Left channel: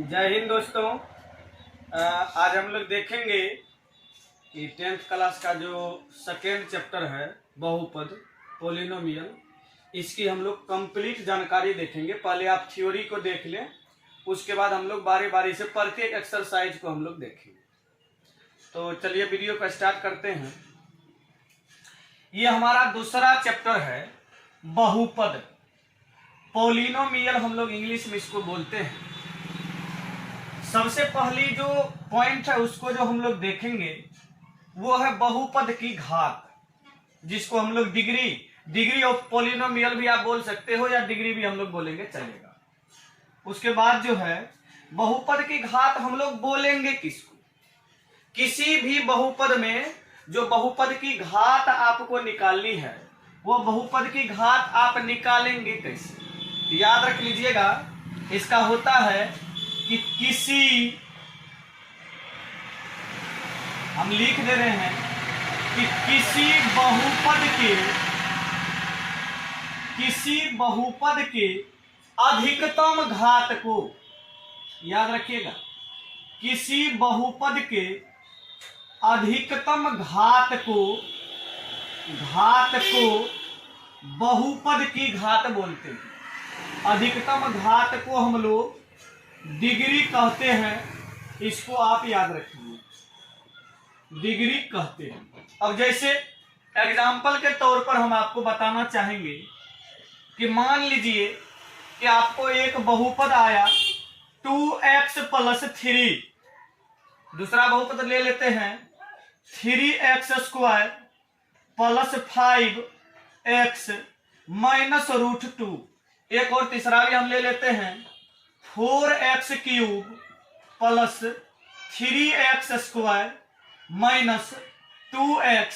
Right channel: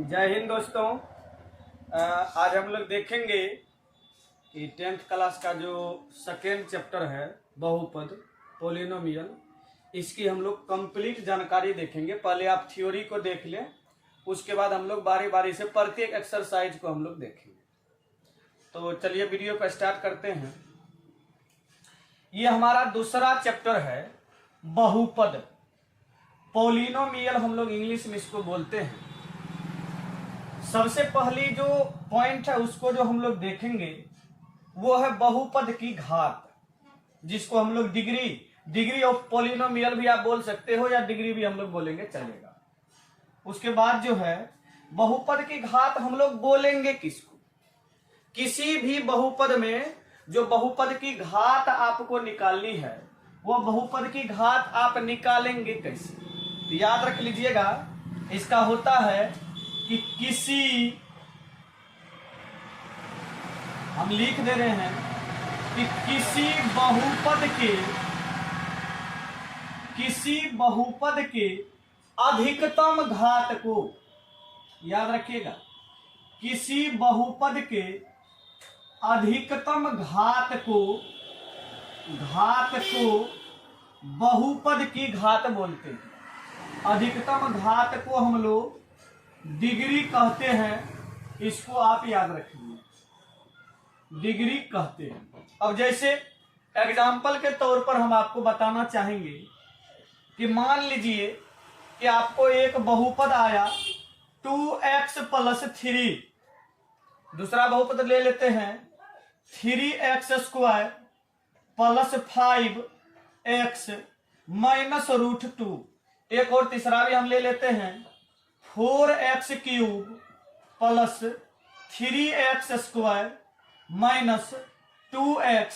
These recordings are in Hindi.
जय हिंद दोस्तों। आज हम लोग देखेंगे कि 10th क्लास का जो सेकेंड चैप्टर है बहुपद पोलिनोमियल, इसकी हम लोग कंप्लीट जानकारी देखेंगे। पहले आप थ्योरी को देख लें, उसके बाद हम लोग बारी बारी से प्रत्येक एक्सरसाइज को हम लोग देखेंगे। तो चलिए वीडियो को स्टार्ट करते हैं। ये हमारा दूसरा चैप्टर है बहुपद पोलिनोमियल, हम लोग इंग्लिश में इसको बोलते हैं। सबसे पहली जो पॉइंट है उसको जो हम लोग देखेंगे वो है बहुपद की घात, जिसको हम लोग डिग्री ऑफ पोलिनोमियल भी आप बोल सकते हो या डिग्री भी हम लोग बोलेंगे चलेगा। उसके बाद जो है बहुपद की घात हम लोग बोलेंगे किसको, किसी भी बहुपद में जो बहुपद की घात आपको निकालनी है वो बहुपद की घात आप निकालेंगे कैसे, याद रख लीजिएगा। इसका होता है कि हम लिख दे रहे हैं कि किसी बहुपद के अधिकतम घात को, याद रखिएगा, किसी बहुपद के अधिकतम घात को बहुपद की घात बोलते हैं। अधिकतम घात को हम लोग डिग्री कहते हैं, इसको आप याद रखिए, डिग्री कहते हैं। अब जैसे एग्जाम्पल के तौर पर हम आपको बताना चाहेंगे कि मान लीजिए कि आपको एक बहुपद आया 2x + 3, दूसरा बहुपद ले लेते हैं 3x² + 5x -√2, एक और तीसरा भी हम ले लेते हैं 4x³ + 3x² -2x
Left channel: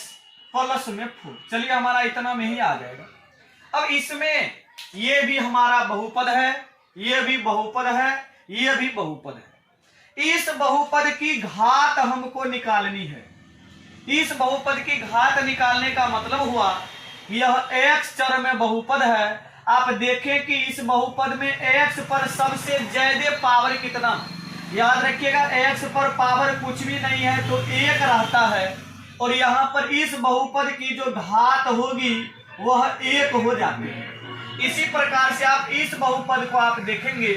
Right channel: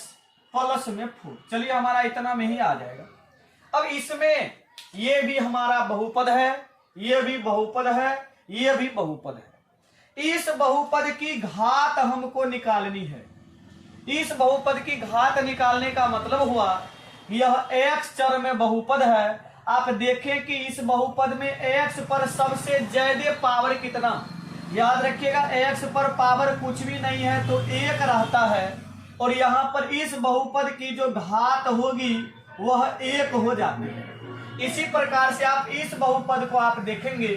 +4। चलिए हमारा इतना में ही आ जाएगा। अब इसमें ये भी हमारा बहुपद है, ये भी बहुपद है, ये भी बहुपद है। इस बहुपद की घात हमको निकालनी है। इस बहुपद की घात निकालने का मतलब हुआ यह x चर में बहुपद है। आप देखें कि इस बहुपद में x पर सबसे ज्यादा पावर कितना, याद रखिएगा x पर पावर कुछ भी नहीं है तो 1 रहता है, और यहाँ पर इस बहुपद की जो घात होगी वह 1 हो जाती है। इसी प्रकार से आप इस बहुपद को आप देखेंगे,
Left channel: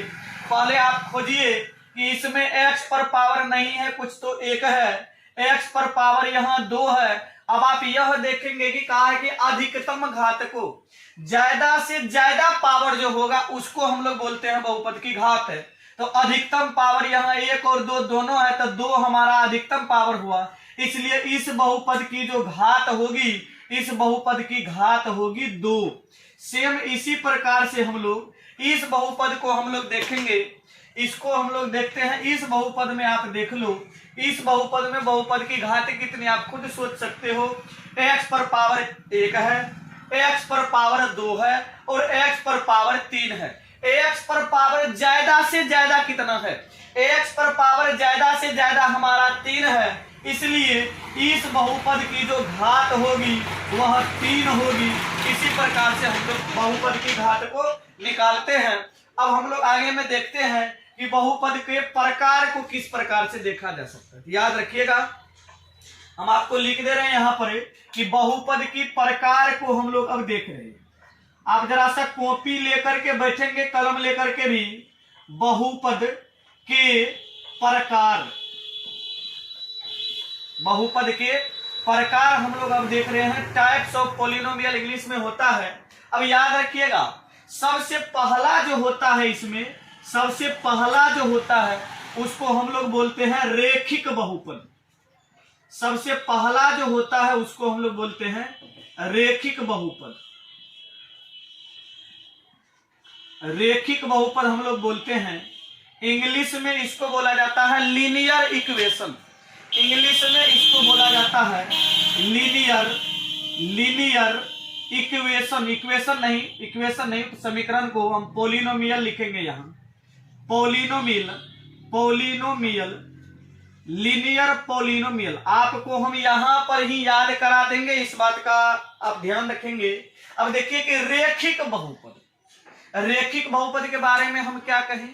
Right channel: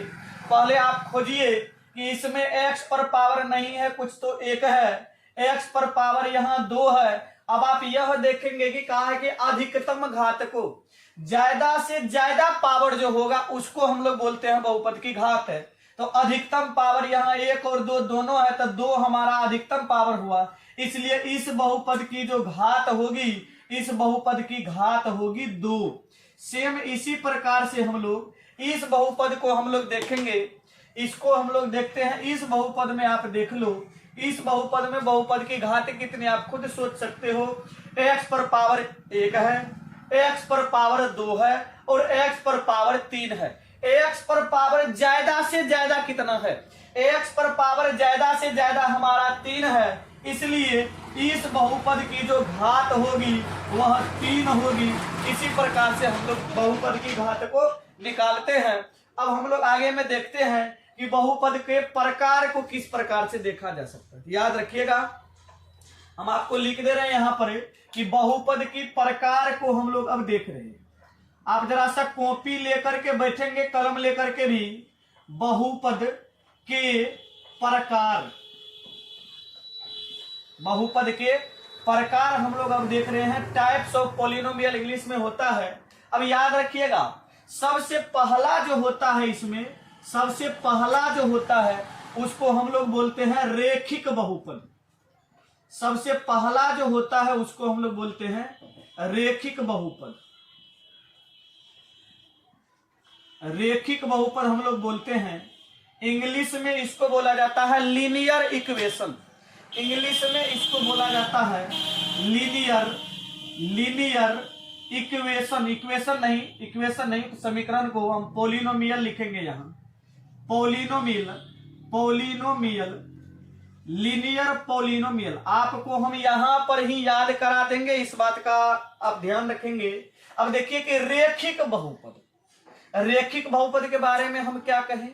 पहले आप खोजिए कि इसमें x पर पावर नहीं है कुछ तो 1 है, x पर पावर यहाँ 2 है। अब आप यह देखेंगे कि कहा है कि अधिकतम घात को, ज्यादा से ज्यादा पावर जो होगा उसको हम लोग बोलते हैं बहुपद की घात है। तो अधिकतम पावर यहाँ 1 और 2 दोनों है, तो 2 हमारा अधिकतम पावर हुआ, इसलिए इस बहुपद की जो घात होगी, इस बहुपद की घात होगी 2। सेम इसी प्रकार से हम लोग इस बहुपद को हम लोग देखेंगे। इसको हम लोग देखते हैं, इस बहुपद में आप देख लो, इस बहुपद में बहुपद की घात कितनी आप खुद सोच सकते हो। x पर पावर 1 है, x पर पावर 2 है और x पर पावर 3 है। x पर पावर ज्यादा से ज्यादा कितना है, x पर पावर ज्यादा से ज्यादा हमारा 3 है, इसलिए इस बहुपद की जो घात होगी वह 3 होगी। इसी प्रकार से हम लोग बहुपद की घात को निकालते हैं। अब हम लोग आगे में देखते हैं कि बहुपद के प्रकार को किस प्रकार से देखा जा सकता है। याद रखिएगा, हम आपको लिख दे रहे हैं यहाँ पर कि बहुपद की प्रकार को हम लोग अब देख रहे हैं। आप जरा सा कॉपी लेकर के बैठेंगे, कलम लेकर के भी, बहुपद के प्रकार, बहुपद के प्रकार हम लोग अब देख रहे हैं। टाइप्स ऑफ पोलिनोमियल इंग्लिश में होता है। अब याद रखिएगा, सबसे पहला जो होता है, इसमें सबसे पहला जो होता है उसको हम लोग बोलते हैं रेखिक बहुपद। सबसे पहला जो होता है उसको हम लोग बोलते हैं रेखिक बहुपद। रेखिक बहुपद हम लोग बोलते हैं। इंग्लिश में इसको बोला जाता है लीनियर इक्वेशन। इंग्लिश में इसको बोला जाता है लीनियर इक्वेशन। इक्वेशन नहीं, समीकरण को हम पोलिनोमियल लिखेंगे यहाँ, पोलिनोमियल, लीनियर पोलिनोमियल। आपको हम यहां पर ही याद करा देंगे, इस बात का आप ध्यान रखेंगे। अब देखिए कि रेखिक बहुपद के बारे में हम क्या कहें।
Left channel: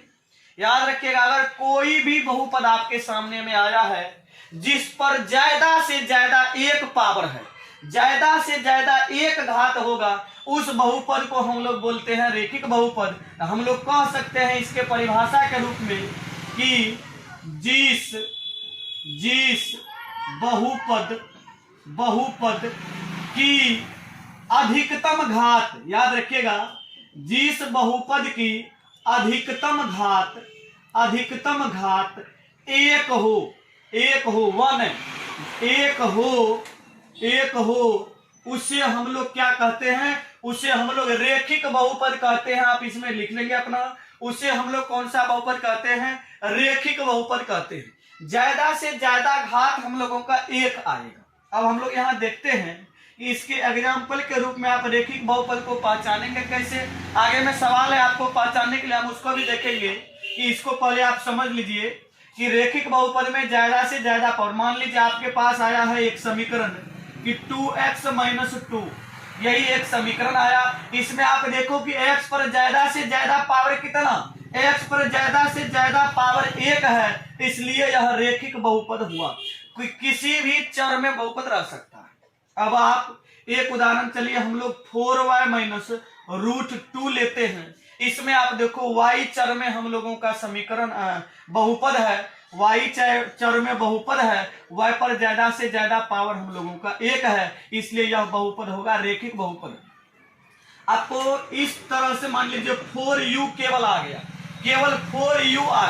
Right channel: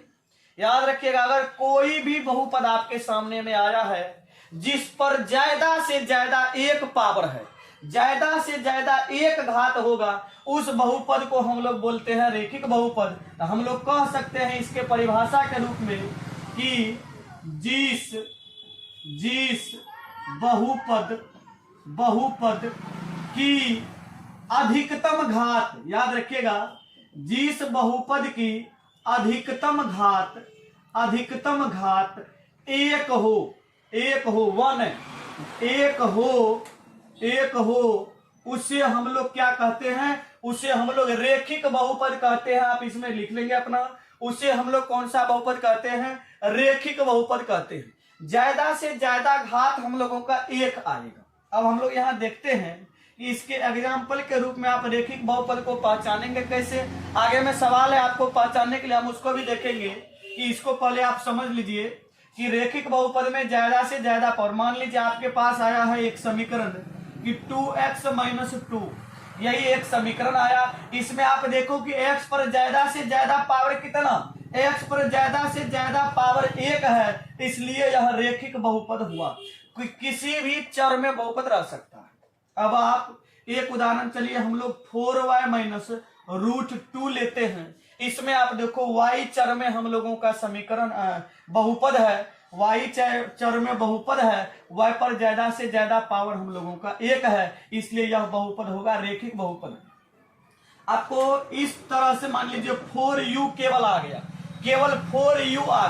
याद रखिएगा, अगर कोई भी बहुपद आपके सामने में आया है जिस पर ज्यादा से ज्यादा एक पावर है, ज्यादा से ज्यादा एक घात होगा, उस बहुपद को हम लोग बोलते हैं रेखिक बहुपद। हम लोग कह सकते हैं इसके परिभाषा के रूप में कि जिस बहुपद की अधिकतम घात, याद रखिएगा, जिस बहुपद की अधिकतम घात एक हो, उसे हम लोग क्या कहते हैं, उसे हम लोग रेखिक बहुपद कहते हैं। आप इसमें लिख लेंगे अपना, उसे हम लोग कौन सा बहुपद कहते हैं, रेखिक बहुपद कहते हैं। ज्यादा से ज्यादा घात हम लोगों का एक आएगा। अब हम लोग यहाँ देखते हैं कि इसके एग्जाम्पल के रूप में आप रेखिक बहुपद को पहचानेंगे कैसे। आगे में सवाल है आपको पहचानने के लिए, हम उसको भी देखेंगे कि इसको पहले आप समझ लीजिए कि रेखिक बहुपद में ज्यादा से ज्यादा पावर, मान लीजिए आपके पास आया है एक समीकरण कि 2x - 2, यही एक समीकरण आया। इसमें आप देखो कि x पर ज्यादा से ज्यादा पावर कितना, x पर ज्यादा से ज्यादा पावर 1 है, इसलिए यह रेखिक बहुपद हुआ। किसी भी चर में बहुपद रह सकता है। अब आप एक उदाहरण, चलिए हम लोग 4y - √2 लेते हैं। इसमें आप देखो y चर में हम लोगों का समीकरण बहुपद है, y चर में बहुपद है, y पर ज्यादा से ज्यादा पावर हम लोगों का 1 है, इसलिए यह बहुपद होगा रेखिक बहुपद। आपको इस तरह से मान लीजिए 4u केवल आ गया, केवल 4u आ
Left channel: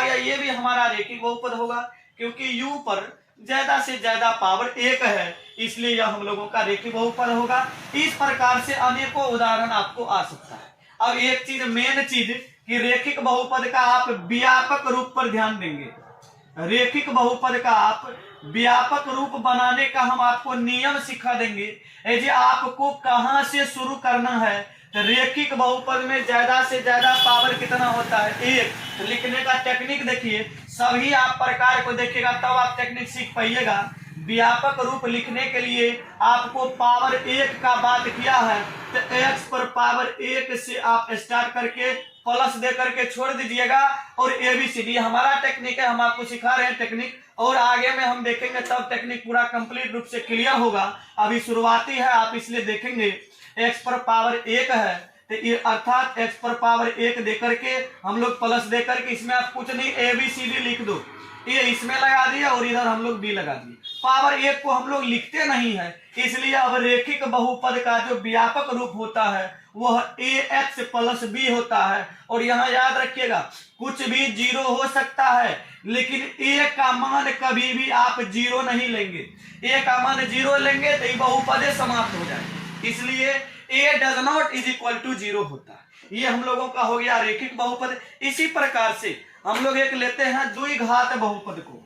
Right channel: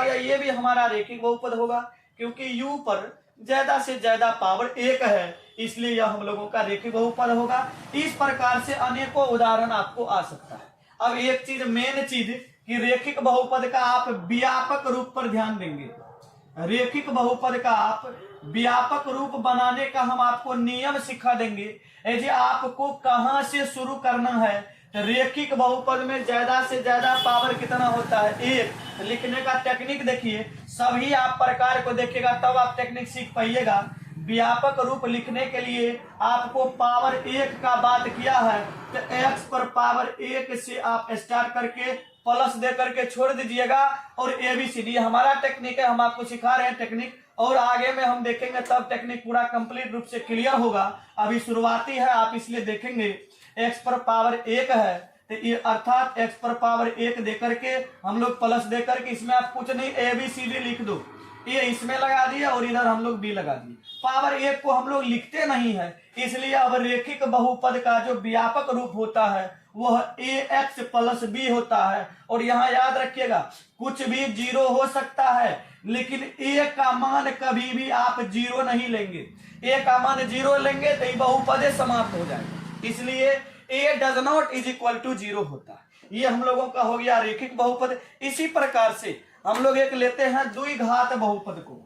गया, ये भी हमारा रेखिक बहुपद होगा, क्योंकि u पर ज्यादा से ज्यादा पावर 1 है, इसलिए यह हम लोगों का रेखिक बहुपद होगा। इस प्रकार से अनेकों उदाहरण आपको आ सकता है। अब एक चीज, मेन चीज, कि रेखिक बहुपद का आप व्यापक रूप पर ध्यान देंगे। रेखिक बहुपद का आप व्यापक रूप बनाने का हम आपको नियम सिखा देंगे। ऐसे आपको कहां से शुरू करना है, रेखिक बहुपद में ज्यादा से ज्यादा पावर कितना होता है, 1। तो लिखने का टेक्निक देखिए, सभी आप प्रकार को देखिएगा तब आप टेक्निक सीख पाइएगा। व्यापक रूप लिखने के लिए आपको पावर 1 का बात किया है, तो x पर पावर 1 से आप स्टार्ट करके प्लस दे करके छोड़ दीजिएगा, और ABCD हमारा टेक्निक है, हम आपको सिखा रहे हैं टेक्निक, और आगे में हम देखेंगे तब टेक्निक पूरा कंप्लीट रूप से क्लियर होगा। अभी शुरुआती है, आप इसलिए देखेंगे x पर पावर 1 है, तो अर्थात x पर पावर 1 दे करके हम लोग प्लस दे करके, इसमें आप कुछ नहीं ABCD लिख दो, ये इसमें लगा दिया और इधर हम लोग b लगा दिए। पावर 1 को हम लोग लिखते नहीं है, इसलिए अब रेखिक बहुपद का जो व्यापक रूप होता है वह ax + b होता है। और यहाँ याद रखिएगा, कुछ भी 0 हो सकता है, लेकिन a का मान कभी भी आप 0 नहीं लेंगे। a का मान 0 लेंगे तो ये बहुपद समाप्त हो जाएगा, इसलिए a डज नॉट = 0 होता है। ये हम लोगों का हो गया रेखिक बहुपद। इसी प्रकार से हम लोग एक लेते हैं द्विघात बहुपद को।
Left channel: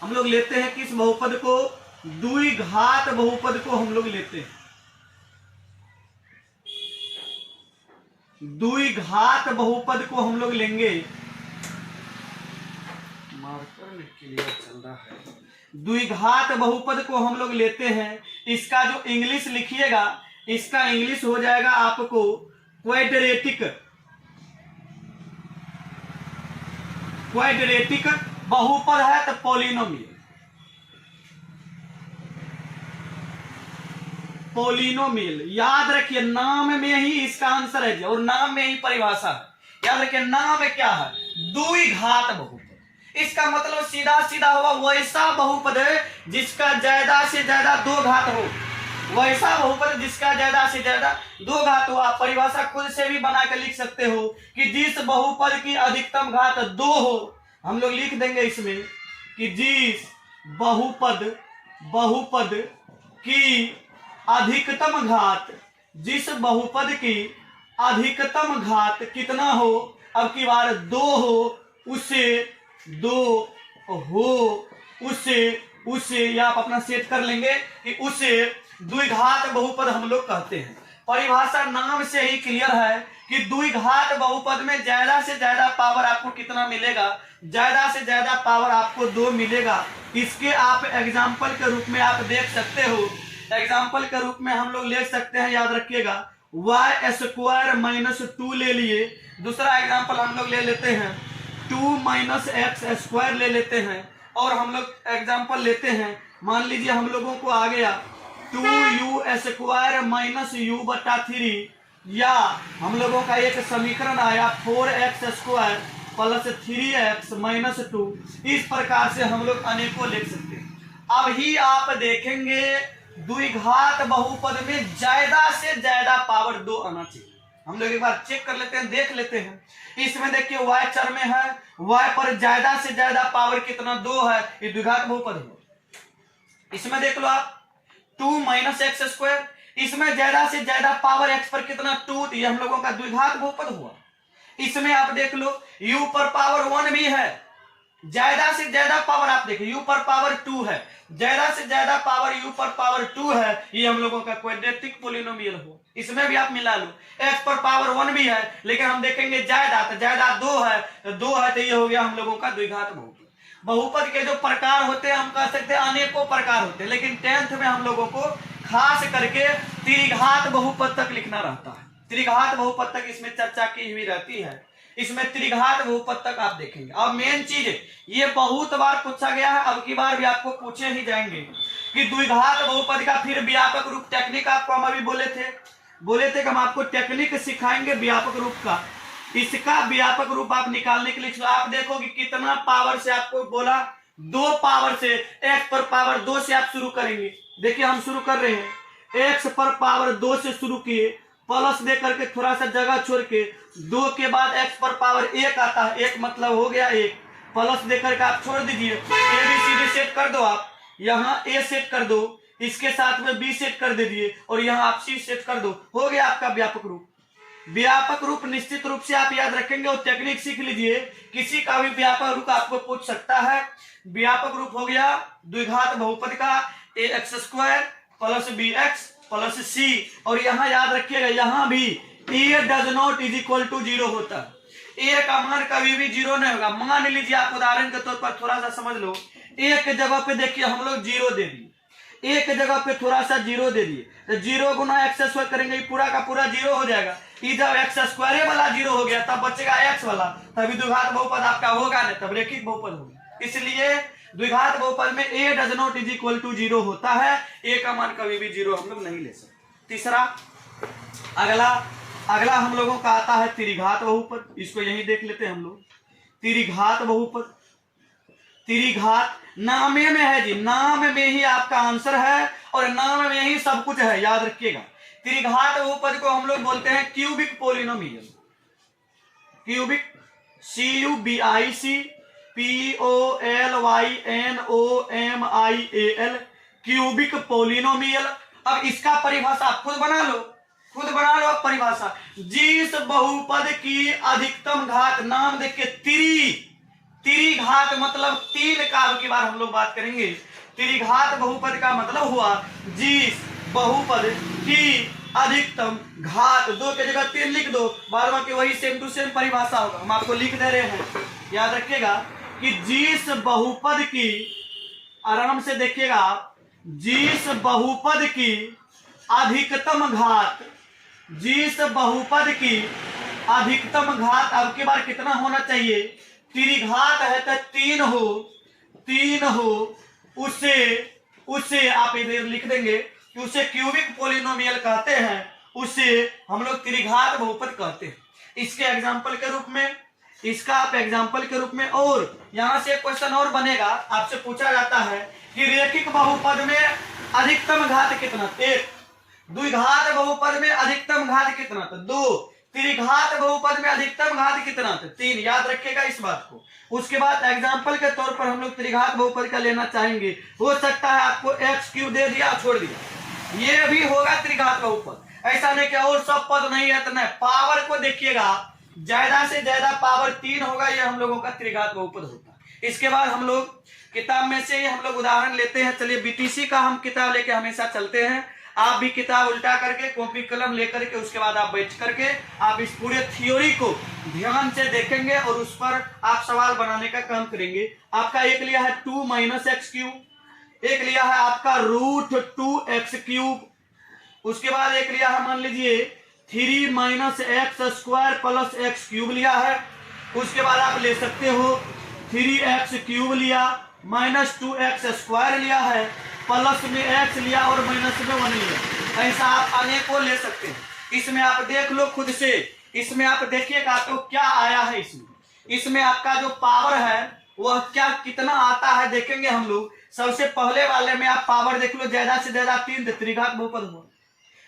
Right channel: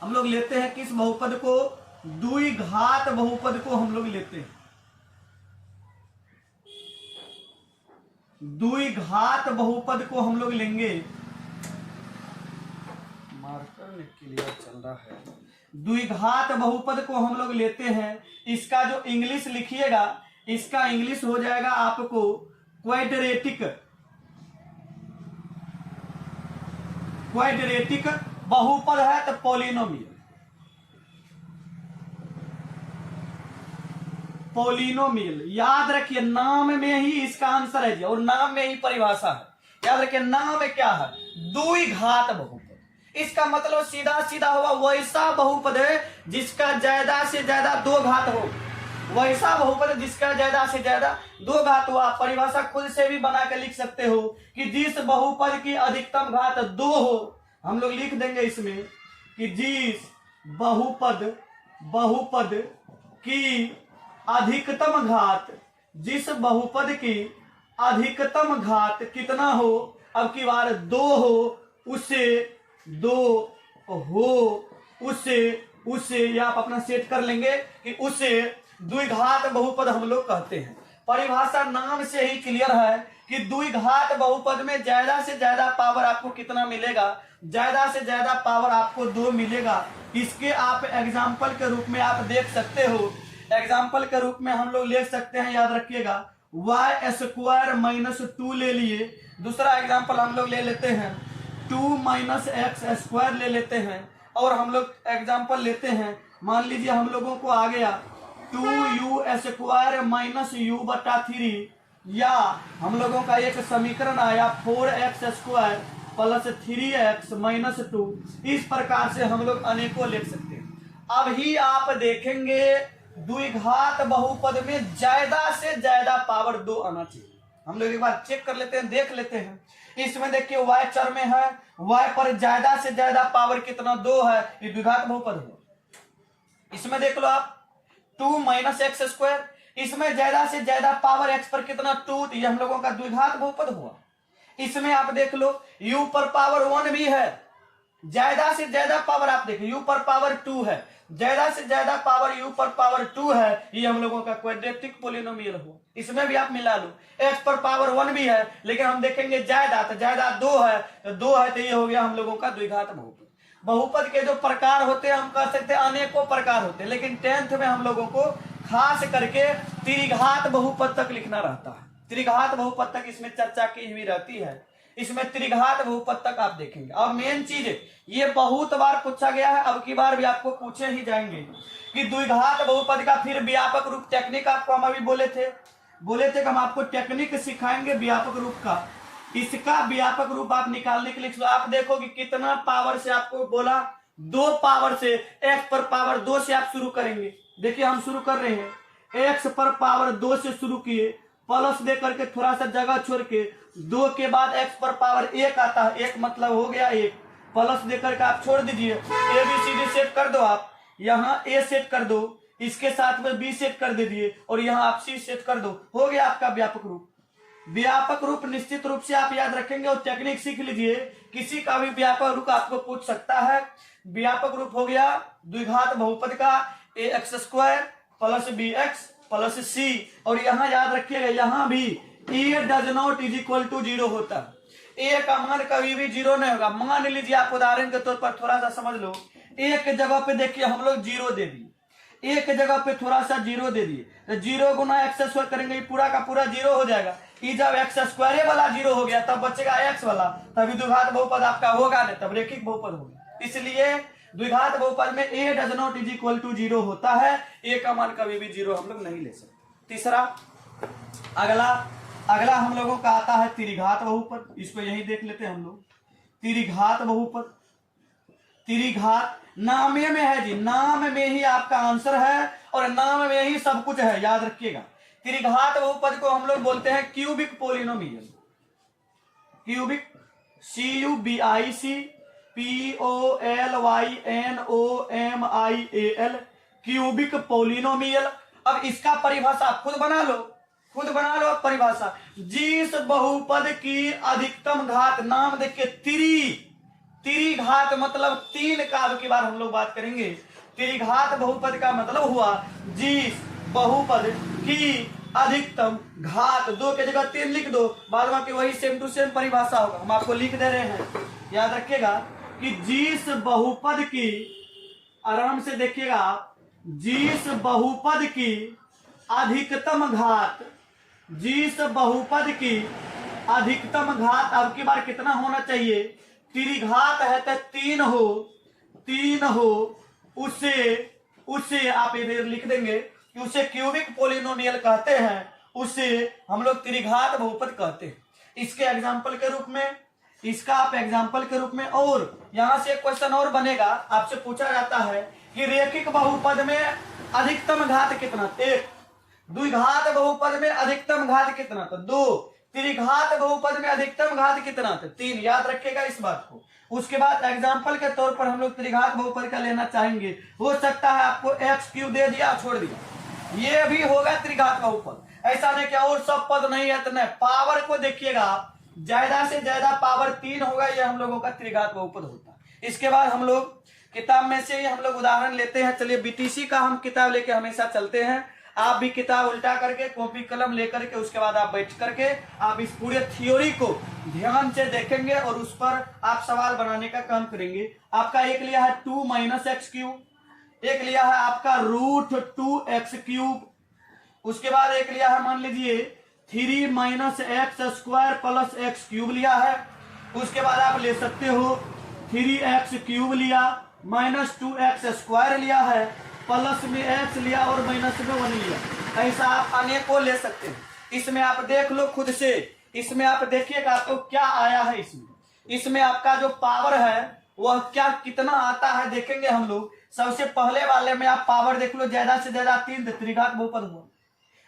हम लोग लेते हैं किस बहुपद को, द्विघात बहुपद को हम लोग लेते हैं। द्विघात बहुपद को हम लोग लेंगे, मार्कर में क्लियर चल रहा है। द्विघात बहुपद को हम लोग लेते हैं, इसका जो इंग्लिश लिखिएगा, इसका इंग्लिश हो जाएगा आपको क्वाड्रेटिक बहुपद है, तो पॉलिनोमियल। याद रखिए, नाम में ही इसका आंसर है और नाम में ही परिभाषा है। याद रखिए, नाम में क्या है, द्विघात बहुपद। इसका मतलब सीधा सीधा हुआ वैसा बहुपद है जिसका ज्यादा से ज्यादा 2 घात हो, वैसा बहुपद जिसका ज्यादा से ज्यादा 2 घात हो। आप परिभाषा खुद से भी बना के लिख सकते हो कि जिस बहुपद की अधिकतम घात 2 हो, हम लोग लिख देंगे इसमें कि जिस बहुपद की अधिकतम घात, जिस बहुपद की अधिकतम घात कितना हो, अब की बार 2 हो, उसे या आप अपना सेट कर लेंगे कि उसे द्विघात बहुपद हम लोग कहते हैं। परिभाषा नाम से ही क्लियर है कि द्विघात बहुपद में ज्यादा से ज्यादा पावर आपको कितना मिलेगा, ज्यादा से ज्यादा पावर आपको 2 मिलेगा। इसके आप एग्जाम्पल के रूप में आप देख सकते हो, एग्जाम्पल के रूप में हम लोग ले सकते हैं, याद रखिएगा वाई स्क्वायर माइनस 2 ले लिए। दूसरा एग्जाम्पल हम लोग ले लेते हैं 2 माइनस एक्स स्क्वायर ले लेते हैं। और हम लोग एग्जाम्पल लेते हैं, मान लीजिए हम लोगों को आ गया 2u स्क्वायर माइनस u बटा 3, या हम लोगों का एक समीकरण आया 4x square plus 3x minus 2। इस प्रकार से हम लोग अनेकों लिख सकते हैं। अब ही आप देखेंगे द्विघात बहुपद में ज्यादा से ज्यादा पावर 2 आना चाहिए। हम लोग एक बार चेक कर लेते हैं, देख लेते हैं। इसमें देखिए y चर में है, y पर ज्यादा से ज्यादा पावर कितना 2 है, ये द्विघात बहुपद है। इसमें देख लो आप 2 माइनस एक्स स्क्वायर, इसमें ज्यादा से ज्यादा पावर x पर कितना 2, ये हम लोगों का द्विघात बहुपद हुआ। इसमें आप देख लो u पर पावर 1 भी है, ज्यादा से ज्यादा पावर आप देखिए u पर पावर 2 है, ज्यादा से ज्यादा पावर u पर पावर 2 है, ये हम लोगों का क्वाड्रेटिक पोलिनोमियल हो। इसमें भी आप मिला लो, x पर पावर 1 भी है, लेकिन हम देखेंगे ज्यादा, तो ज्यादा 2 है, तो 2 है, तो ये हो गया हम लोगों का द्विघात बहुपद। बहुपद के जो प्रकार होते हैं हम कह सकते हैं अनेकों प्रकार होते हैं, लेकिन 10th में हम लोगों को खास करके त्रिघात बहुपद तक लिखना रहता है। त्रिघात बहुपद तक इसमें चर्चा की हुई रहती है, इसमें त्रिघात बहुपद तक आप देखेंगे। और मेन चीज ये बहुत बार पूछा गया है, अब की बार भी आपको पूछे ही जाएंगे कि द्विघात बहुपद का फिर व्यापक रूप टेक्निक आपको हम अभी बोले थे कि हम आपको टेक्निक सिखाएंगे व्यापक रूप का। इसका व्यापक रूप आप निकालने के लिए आप देखो कि कितना पावर से आपको बोला, 2 पावर से, x पर पावर 2 से आप शुरू करेंगे। देखिए हम शुरू कर रहे हैं, x पर पावर 2 से शुरू किए, प्लस दे करके थोड़ा सा जगह छोड़ के 2 के बाद x पर पावर 1 आता है, 1 मतलब हो गया 1, प्लस दे करके आप छोड़ दीजिए। A B C D set कर दो, आप यहाँ a सेट कर दो, इसके साथ में b सेट कर दीजिए, और यहाँ आप c सेट कर दो, हो गया आपका व्यापक रूप। व्यापक रूप निश्चित रूप से आप याद रखेंगे और टेक्निक सीख लीजिए, किसी का भी व्यापक रूप आपको पूछ सकता है। व्यापक रूप हो गया द्विघात बहुपद का ax square plus bx plus c, और यहाँ याद रखिएगा यहाँ भी a does not is equal to 0 होता है। a का मान कभी भी 0 नहीं होगा। मान लीजिए आप उदाहरण के तौर पर थोड़ा सा समझ लो, a के जगह पे देखिए हम लोग 0 दे दिए, a के जगह पे थोड़ा सा 0 दे दिए, तो 0 गुना एक्स स्क्वायर करेंगे, पूरा का पूरा 0 हो जाएगा। ये जब एक्स स्क्वायर वाला 0 हो गया तब बचेगा x वाला, तभी द्विघात बहुपद आपका होगा नहीं, तब रेखिक बहुपद होगा। इसलिए द्विघात बहुपद में a does not is equal to 0 होता है, a का मान कभी भी 0 हम लोग नहीं ले सकते। तीसरा अगला हम लोगों का आता है त्रिघात बहुपद। इसको यही देख लेते हैं हम लोग। त्रिघात बहुपद, त्रिघात नामे में है जी, नाम में ही आपका आंसर है और नाम में ही सब कुछ है, याद रखिएगा। त्रिघात बहुपद को हम लोग बोलते हैं cubic polynomial. Cubic CUBIC POLYNOMIAL, cubic polynomial. अब इसका परिभाषा आप खुद बना लो अब परिभाषा। जिस बहुपद की अधिकतम घात, नाम देखिए त्रिघात मतलब 3 का, अब की बार हम लोग बात करेंगे। त्रिघात बहुपद का मतलब हुआ जिस बहुपद की अधिकतम घात, 2 की जगह 3 लिख दो, बाद बाकी वही सेम टू सेम परिभाषा होगा, हम आपको लिख दे रहे हैं। याद रखिएगा कि जिस बहुपद की, आराम से देखिएगा, जिस बहुपद की अधिकतम घात, जिस बहुपद की अधिकतम घात अब की बार कितना होना चाहिए, त्रिघात है तो 3 हो, उसे आप इधर लिख देंगे कि उसे क्यूबिक पोलिनोमियल कहते हैं, उसे हम लोग त्रिघात बहुपद कहते हैं। इसके एग्जाम्पल के रूप में, इसका आप एग्जाम्पल के रूप में, और यहां से एक क्वेश्चन और बनेगा, आपसे पूछा जाता है कि रेखिक बहुपद में अधिकतम घात कितना, 1, द्विघात बहुपद में अधिकतम घात कितना, तो 2, त्रिघात बहुपद में अधिकतम घात कितना, तो 3। याद रखिएगा इस बात को। उसके बाद एग्जाम्पल के तौर पर हम लोग त्रिघात बहुपद का लेना चाहेंगे, हो सकता है आपको x³ दे दिया, छोड़ दिया, ये भी होगा त्रिघात बहुपद। ऐसा नहीं कि और सब पद नहीं है तो नहीं, पावर को देखिएगा, ज्यादा से ज्यादा पावर 3 होगा, ये हम लोगों का त्रिघात बहुपद होता है। इसके बाद हम लोग किताब में से ही हम लोग उदाहरण लेते हैं। चलिए BTC का हम किताब लेके हमेशा चलते हैं, आप भी किताब उल्टा करके कॉपी कलम लेकर के उसके बाद आप बैठ करके आप इस पूरे थ्योरी को ध्यान से देखेंगे और उस पर आप सवाल बनाने का काम करेंगे। आपका एक लिया है 2 - x³, एक लिया है आपका √2x³, उसके बाद एक लिया है मान लीजिए 3 minus x square plus x cube लिया है। उसके बाद आप ले सकते हो 3x क्यूब लिया, माइनस 2x स्क्वायर लिया है, प्लस में x लिया और माइनस में 1 लिया। ऐसा आप अनेकों ले सकते हैं। इसमें आप देख लो खुद से, इसमें आप देखिएगा आपको क्या आया है। इसमें आपका जो पावर है वह क्या कितना आता है देखेंगे हम लोग। सबसे पहले वाले में आप पावर देख लो, ज्यादा से ज्यादा 3 त्रिघात बहुपद हुआ,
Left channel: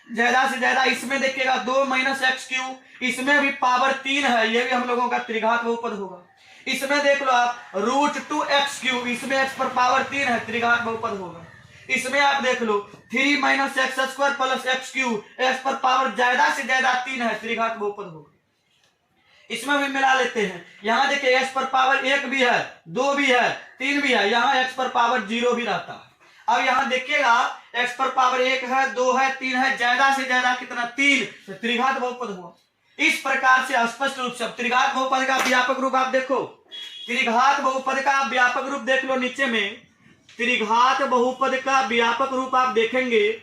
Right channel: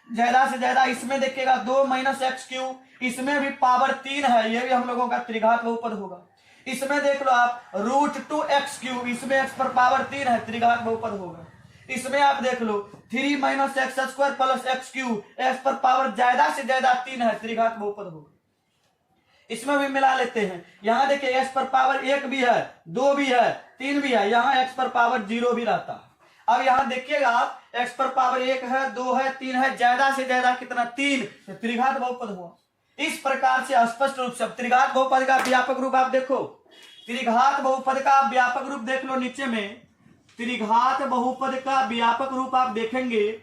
ज्यादा से ज्यादा इसमें देखिएगा 2 माइनस एक्स क्यूब, इसमें भी पावर 3 है, ये भी हम लोगों का त्रिघात बहुपद होगा। इसमें देख लो आप √2x क्यूब, इसमें x पर पावर 3 है, त्रिघात बहुपद होगा। इसमें आप देख लो 3 minus x square plus x cube, x पर पावर ज्यादा से ज्यादा 3 है, त्रिघात बहुपद होगा। इसमें भी मिला लेते हैं। यहाँ देखिए x पर पावर 1 भी है, 2 भी है, 3 भी है, यहाँ x पर पावर 0 भी रहता है। अब यहाँ देखिएगा x पर पावर 1 है, 2 है, 3 है, ज्यादा से ज्यादा कितना 3, तो त्रिघात बहुपद हुआ। इस प्रकार से स्पष्ट रूप से त्रिघात बहुपद का व्यापक रूप आप देखो, त्रिघात बहुपद का व्यापक रूप देख लो नीचे में। त्रिघात बहुपद का व्यापक रूप आप देखेंगे,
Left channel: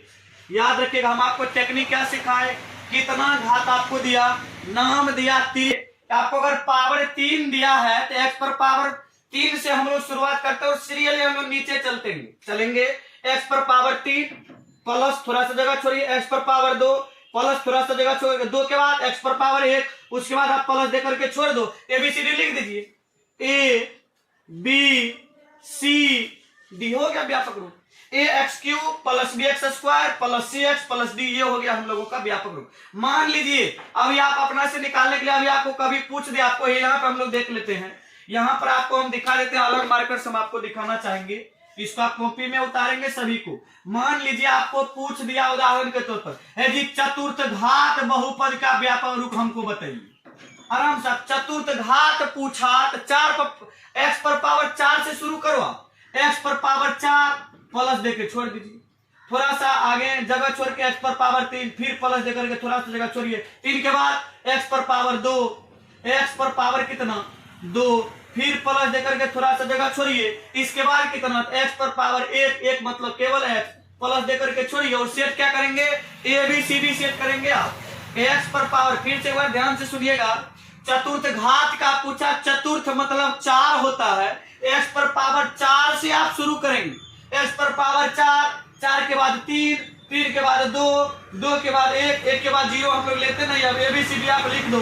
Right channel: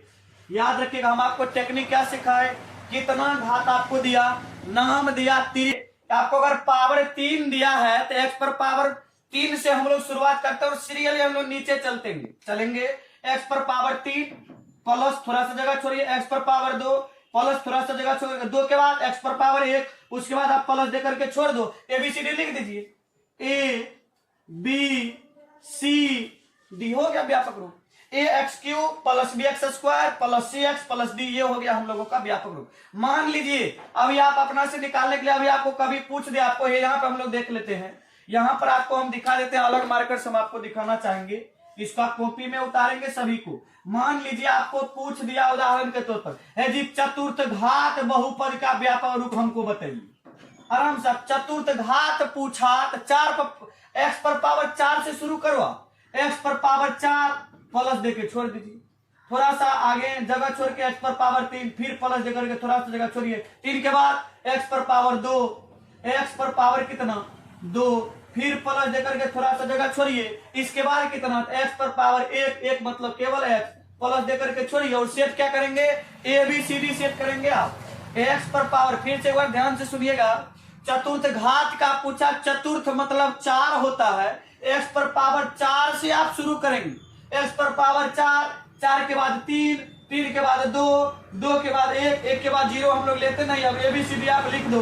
याद रखिएगा हम आपको टेक्निक क्या सिखाए, कितना घात आपको दिया, नाम दिया 3। आपको अगर पावर 3 दिया है तो x पर पावर 3 से हम लोग शुरुआत करते हैं और सीरियली हम लोग नीचे चलेंगे। x पर पावर 3 प्लस थोड़ा सा जगह छोड़िए, x पर पावर 2 प्लस थोड़ा सा जगह छोड़िए, 2 के बाद x पर पावर 1, उसके बाद आप प्लस दे करके छोड़ दो, ABCD लिख दीजिए, ABCD हो गया व्यापक रूप। ax cube plus bx square plus cx plus d, ये हो गया हम लोगों का व्यापक रूप। मान लीजिए अभी आप अपना से निकालने के लिए अभी आपको कभी पूछ दे, आपको यहाँ पे हम लोग देख लेते हैं, यहाँ पर आपको हम दिखा देते हैं, अलग मार्कर्स हम आपको दिखाना चाहेंगे, इसको आप कॉपी में उतारेंगे सभी को। मान लीजिए आपको पूछ दिया उदाहरण के तौर पर, है जी चतुर्थ घात बहुपद का व्यापक रूप हमको बताइए। आराम से चतुर्थ घात पूछा तो 4 x पर पावर 4 से शुरू करवा, x पर पावर 4 प्लस देके छोड़ दीजिए, थोड़ा सा आगे जगह छोड़ के x पर पावर 3, फिर प्लस देकर के थोड़ा सा जगह छोड़िए, 3 के बाद x पर पावर 2, x पर पावर कितना 2, फिर प्लस देकर के थोड़ा सा जगह छोड़िए, इसके बाद कितना x पर पावर 1 मतलब केवल x, प्लस देकर के छोड़िए और सेट क्या करेंगे, ABCD सेट करेंगे आप। x पर पावर, फिर से एक बार ध्यान से सुनिएगा, चतुर्थ घात का पूछा, चतुर्थ मतलब 4 होता है, x पर पावर 4 से आप शुरू करेंगे, x पर पावर 4, 4 के बाद 3, 3 के बाद 2, 2 के बाद 1, 1 के बाद 0 हम लोग लेते नहीं। अब ABCD आप लिख दो,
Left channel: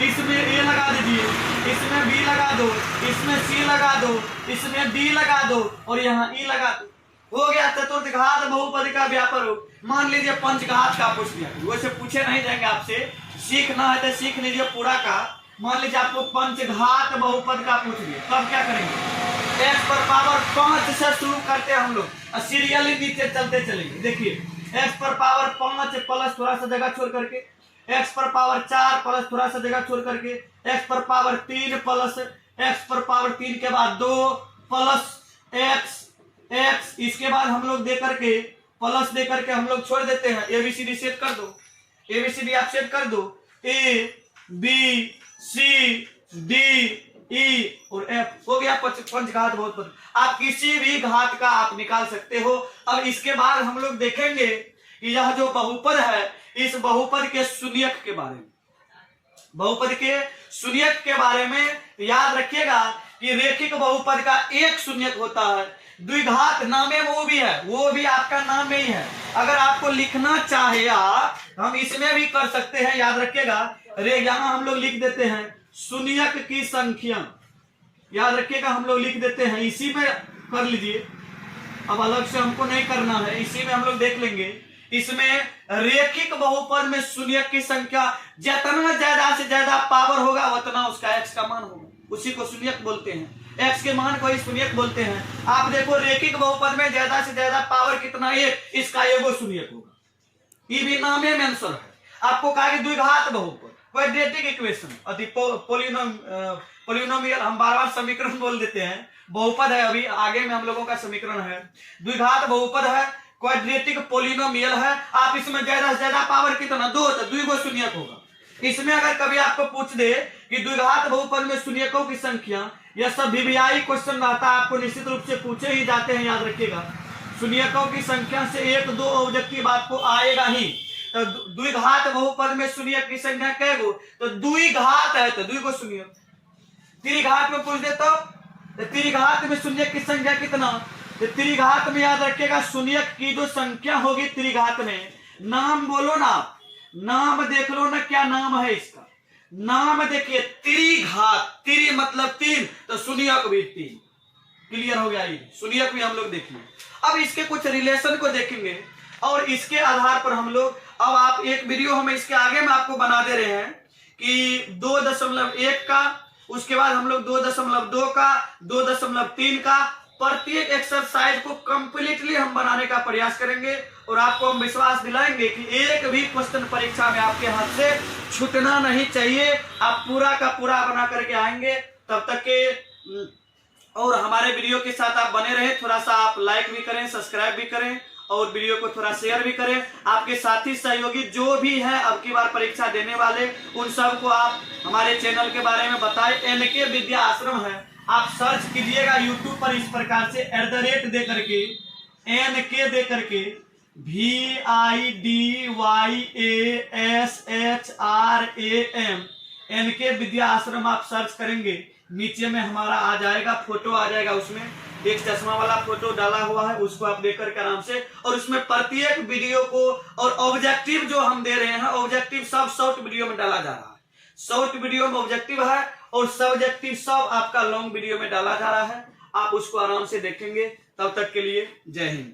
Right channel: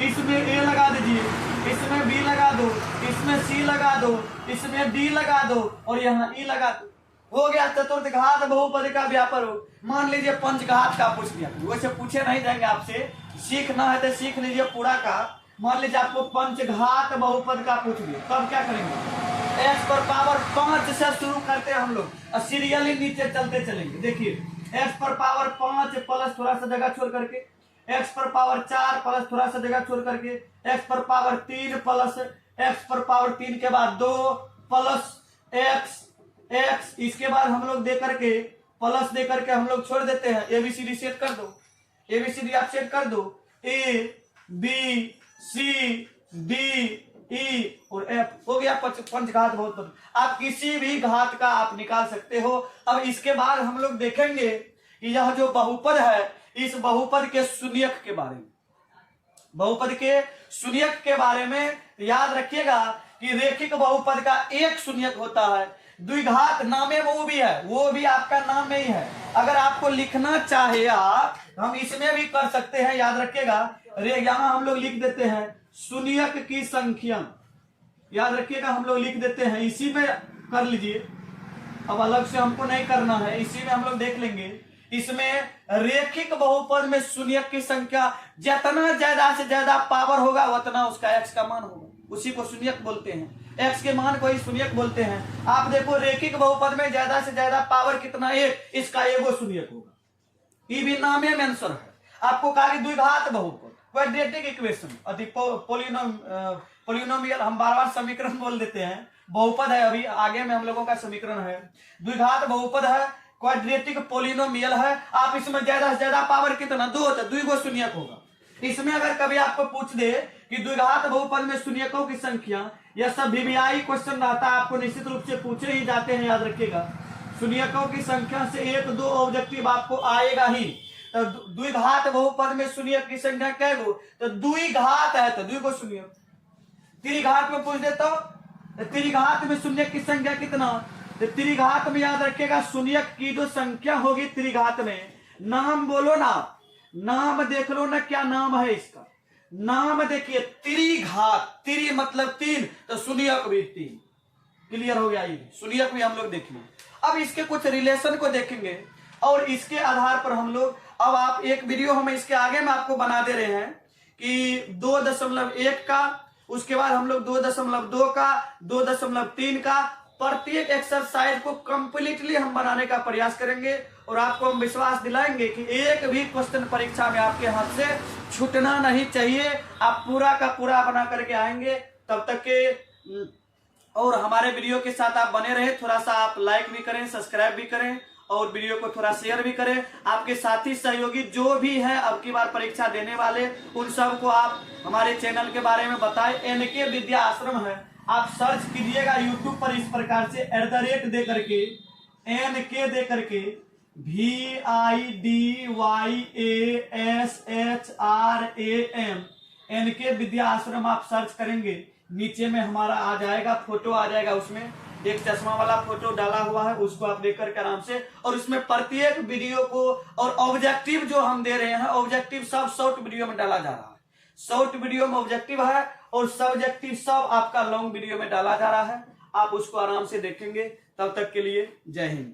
इसमें A लगा दीजिए, इसमें B लगा दो, इसमें C लगा दो, इसमें D लगा दो और यहाँ E लगा दो। हो गया चतुर्थ घात बहुपद का व्यापक रूप। मान लीजिए पंचघात का पूछ लिया, वैसे पूछे नहीं जाएंगे आपसे, सीखना है तो सीख लीजिए पूरा का। मान लीजिए आपको पंचघात बहुपद का पूछ लिया, तब क्या करेंगे, x पर पावर 5 से शुरू करते हैं हम लोग, सीरियली नीचे चलते चलेंगे। देखिए x पर पावर 5 प्लस थोड़ा सा जगह छोड़ करके, x पर पावर 4 प्लस थोड़ा सा जगह छोड़ करके, x पर पावर 3 प्लस x पर पावर 3 के बाद 2 प्लस x, इसके बाद हम लोग दे करके प्लस दे करके हम लोग छोड़ देते हैं। ABCD सेट कर दो, ABCD आप सेट कर दो, ABCD E और F हो गया पंचघात बहुपद। आप किसी भी घात का आप निकाल सकते हो। अब इसके बाद हम लोग देखेंगे कि यह जो बहुपद है, इस बहुपद के शून्यक के बारे में, बहुपद के शून्यक के बारे में याद रखिएगा कि रेखिक बहुपद का एक शून्यक होता है, द्विघात नामे वो भी है, वो भी आपका नाम में ही है। अगर आपको लिखना चाहे आप, हम इसमें भी कर सकते हैं, याद रखिएगा। यहाँ हम लोग लिख देते हैं शून्यक की संख्या, याद रखिएगा हम लोग लिख देते हैं, इसी में कर लीजिए, अब अलग से हमको नहीं करना है, इसी में हम लोग देख लेंगे। इसमें रेखिक बहुपद में शून्यक की संख्या जितना ज्यादा से ज्यादा पावर होगा उतना उसका x का मान होगा, उसी को शून्यक बोलते हैं, x के मान को ही शून्यक बोलते हैं। आप देखो रेखिक बहुपद में ज्यादा से ज्यादा पावर कितना 1, इसका एगो शून्यक होगा, ये भी नामे में आंसर है। आपको कहा कि द्विघात बहुपद, क्वाड्रेटिक इक्वेशन, पोलिनोमियल, हम बार-बार समीकरण बोल देते हैं, बहुपद है, अभी आगे में हम लोगों का समीकरण है। द्विघात बहुपद है, क्वाड्रेटिक पोलिनोमियल है। आप इसमें ज्यादा से ज्यादा पावर कितना 2 होता है, 2 गो शून्यक होगा। इसमें अगर कभी आपको पूछ दे कि द्विघात बहुपद में शून्यकों की संख्या, यह सब VVI क्वेश्चन रहता है, आपको निश्चित रूप से पूछे ही जाते हैं, याद रखिएगा। शून्यकों की संख्या से 1, 2 ऑब्जेक्टिव आपको आएगा ही। तो द्विघात बहुपद में शून्यक की संख्या कै गो, तो द्विघात है तो द्वि को शून्य। त्रिघात में पूछ दे तो त्रिघात में शून्यक की संख्या कितना, तो त्रिघात में याद रखिएगा शून्यक की जो संख्या होगी त्रिघात में, नाम बोलो ना, नाम देख लो ना क्या नाम है इसका, नाम देखिए त्रिघात, त्रि मतलब तीन, तो शून्यक भी तीन। क्लियर हो गया, ये शून्यक भी हम लोग देखेंगे। अब इसके कुछ रिलेशन को देखेंगे और इसके आधार पर हम लोग, अब आप एक वीडियो हम इसके आगे में आपको बना दे रहे हैं कि 2.1 का, उसके बाद हम लोग 2.2 का, 2.3 का, प्रत्येक एक्सरसाइज को कंप्लीटली हम बनाने का प्रयास करेंगे और आपको हम विश्वास दिलाएंगे कि एक भी क्वेश्चन परीक्षा में आपके हाथ से छूटना नहीं चाहिए। आप पूरा का पूरा बना करके आएंगे। तब तक के और हमारे वीडियो के साथ आप बने रहे, थोड़ा सा आप लाइक भी करें, सब्सक्राइब भी करें और वीडियो को थोड़ा शेयर भी करें। आपके साथी सहयोगी जो भी हैं अब की बार परीक्षा देने वाले, उन सबको आप हमारे चैनल के बारे में बताएं। NK विद्या आश्रम है, आप सर्च कीजिएगा यूट्यूब पर इस प्रकार से @ दे करके, NK दे करके, VIDYASHRAM, NK विद्या आश्रम आप सर्च करेंगे, नीचे में हमारा आ जाएगा, फोटो आ जाएगा, उसमें एक चश्मा वाला फोटो डाला हुआ है, उसको आप देख करके आराम से, और उसमें प्रत्येक वीडियो को और ऑब्जेक्टिव जो हम दे रहे हैं, ऑब्जेक्टिव सब शॉर्ट वीडियो में डाला जा रहा है। शॉर्ट वीडियो में ऑब्जेक्टिव है और सब्जेक्टिव सब आपका लॉन्ग वीडियो में डाला जा रहा है। आप उसको आराम से देखेंगे। तब तक के लिए जय हिंद।